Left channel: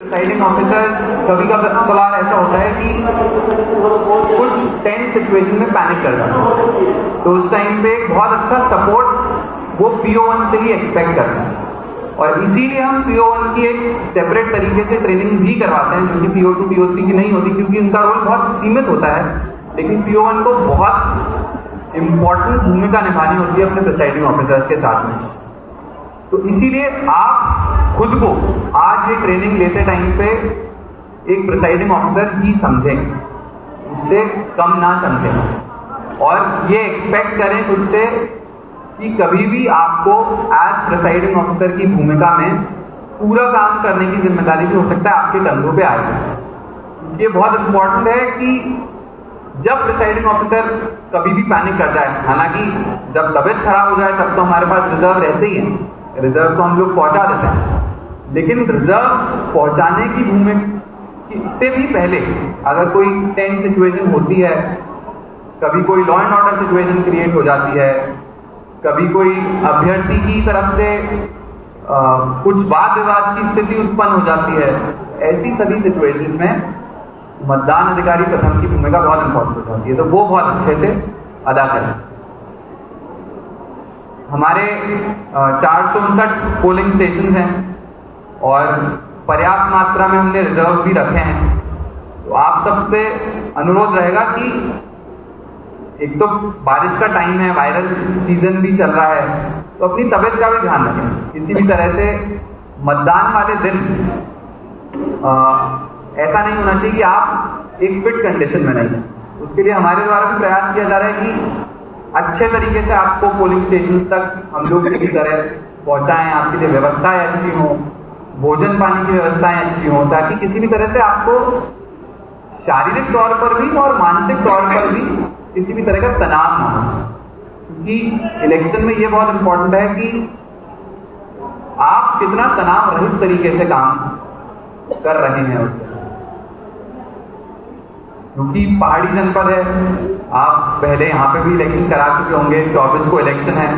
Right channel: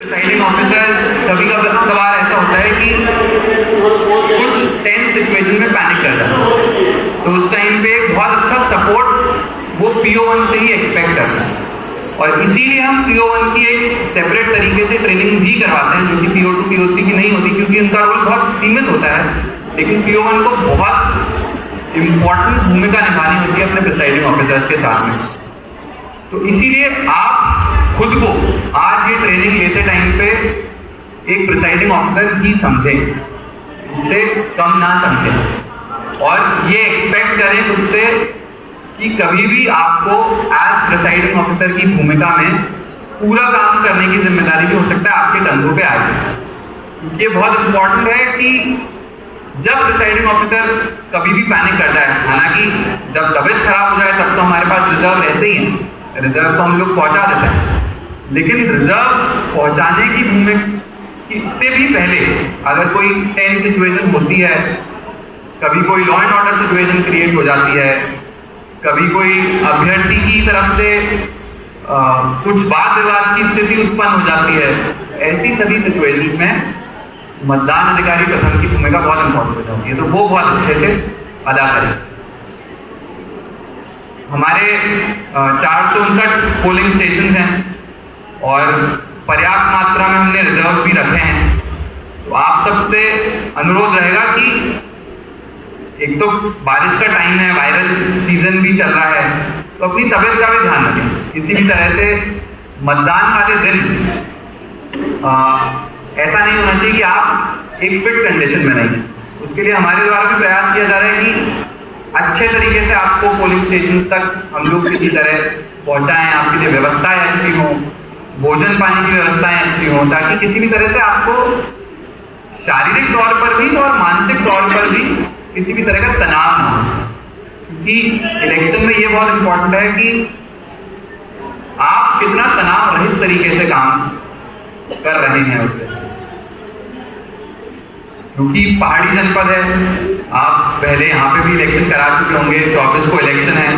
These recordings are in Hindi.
प्रिसाइडिंग ऑफिसर्स कभी कभार ऐसा होता है कि कुछ टेंस सिचुएशन में पैनिक कर जाते हैं, तो उस टाइम पे बहुत अच्छा सपोर्ट वो PO1 से ही एक्सपेक्ट करते हैं। और इसीलिए हम PO1 की एक सेपरेट तरीके से ट्रेनिंग भी करवाते हैं, जो कि PO2 PO3 की नहीं होती, क्योंकि उनका रोल बहुत सीमित होता है। लेकिन PO1 को बहुत इम्पॉर्टेंट भूमिका निभानी होती है अपने प्रिसाइडिंग ऑफिसर्स के साथ में। तो इसीलिए आप खुद को आज ये ट्रेनिंग लेते टाइम पे एक प्रिसाइडिंग ऑफिसर ही समझें, उससे कम ना समझें, और ये एक्सपेक्ट करें खुद से कि कभी भी आपको एज प्रिसाइडिंग ऑफिसर की भूमिका में पूरा काम करने की जिम्मेदारी भी हो सकता है आपके कंधों पे आएगी। ये बहुत इंपॉर्टेंट है कि जब प्रिसाइडिंग ऑफिसर कभी भी पैनिक कर जाए, हालांकि जब तबीयत खराब हो जाए तब तो हमारे पास रिजर्व रहते ही हैं, रिजर्व तो हम लोग पहुंचा देते हैं, लेकिन रिजर्व पहुंचाने की भूमिका से भी पहले अगर कोई टेंस सिचुएशन होती है, कभी कोई law and order situation create हो जाती है, कभी कोई अभ्यर्थी की तरफ से कुछ वाद विवाद की स्थिति उत्पन्न हो जाती है, ऐसी सभी सिचुएशंस में मतदान अधिकारी प्रथम की भूमिका बहुत इंपॉर्टेंट हो जाती है, तो वो बहुत अच्छे से अदा करें। हमारे 459 पोलिंग स्टेशन हैं और पर्याप्त मात्रा में हमने रिजर्व भी रखे हैं। तो आप सबसे अनुरोध रहेगा कि एक तो बारिश का टाइम है, वायरल सीजन भी चल रहा है, तो अपनी तबीयत का भी ध्यान रखें। किसी भी तरह से मतदान वाले दिन ऐसा नहीं होना चाहिए कि आप एक फिट कंडीशन में नहीं हैं। उसके लिए हमारे द्वारा भी प्रयास किया जा रहा है कि अच्छे तरीके से आपको पोलिंग स्टेशन तक हम लोग किसी तरह पहुंचाएं, आपके लिए व्यवस्थाएं अच्छी हों, भोजन पानी की व्यवस्थाएं अच्छी हों, ताकि किसी भी तरह से आपको शारीरिक तौर पर भी और मानसिक तौर पर भी किसी भी तरह का तनाव ना हो। क्योंकि इलेक्शन में ये बहुत इंपॉर्टेंट है कि आप कितना तनाव रहित तरीके से काम कर रहे हैं उसके, क्योंकि पहाड़ी जनपद है। आप पहले यहाँ पे भी इलेक्शन करा चुके होंगे, 24 को इलेक्शन है।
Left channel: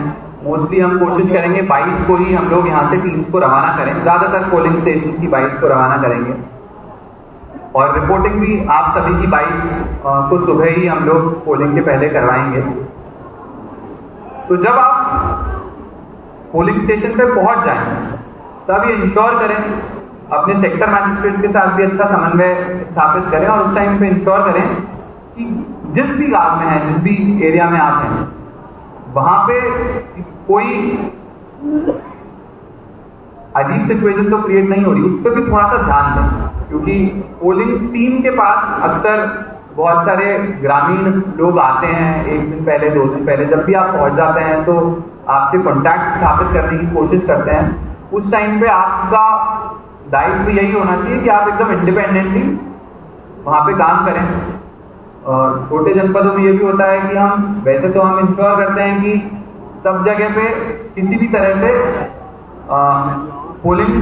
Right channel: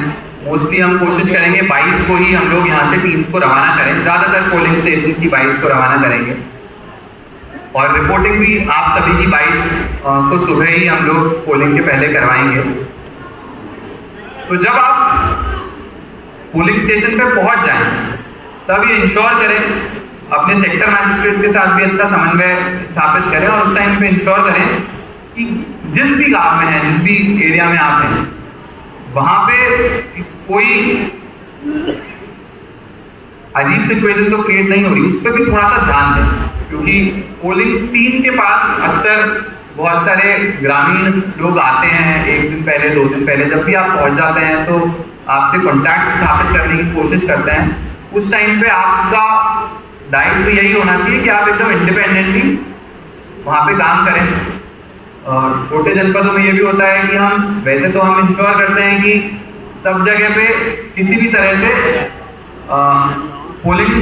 मोस्टली हम कोशिश करेंगे 22 को ही हम लोग यहाँ से टीम्स को रवाना करें, ज्यादातर पोलिंग स्टेशंस की 22 को रवाना करेंगे, और रिपोर्टिंग भी आप सभी की 22 को सुबह ही हम लोग पोलिंग के पहले करवाएंगे। तो जब आप पोलिंग स्टेशन पे पहुंच जाएं तब ये इंश्योर करें, अपने सेक्टर मैजिस्ट्रेट्स के साथ भी अच्छा समन्वय स्थापित करें, और उस टाइम पे इंश्योर करें कि जिस भी गांव में है, जिस भी एरिया में आप हैं, वहां पे कोई अजीब सिचुएशन तो क्रिएट नहीं हो रही, उस पर भी थोड़ा सा ध्यान दें। क्योंकि पोलिंग टीम के पास अक्सर बहुत सारे ग्रामीण लोग आते हैं 1 दिन पहले, 2 दिन पहले। जब भी आप पहुंच जाते हैं तो आपसे कॉन्टैक्ट स्थापित करने की कोशिश करते हैं। उस टाइम पे आपका दायित्व यही होना चाहिए कि आप एकदम इंडिपेंडेंटली वहाँ पे काम करें। और छोटे जनपदों में ये भी होता है कि हम वैसे तो हम इंश्योर करते हैं कि सब जगह पे किसी भी तरह से पोलिंग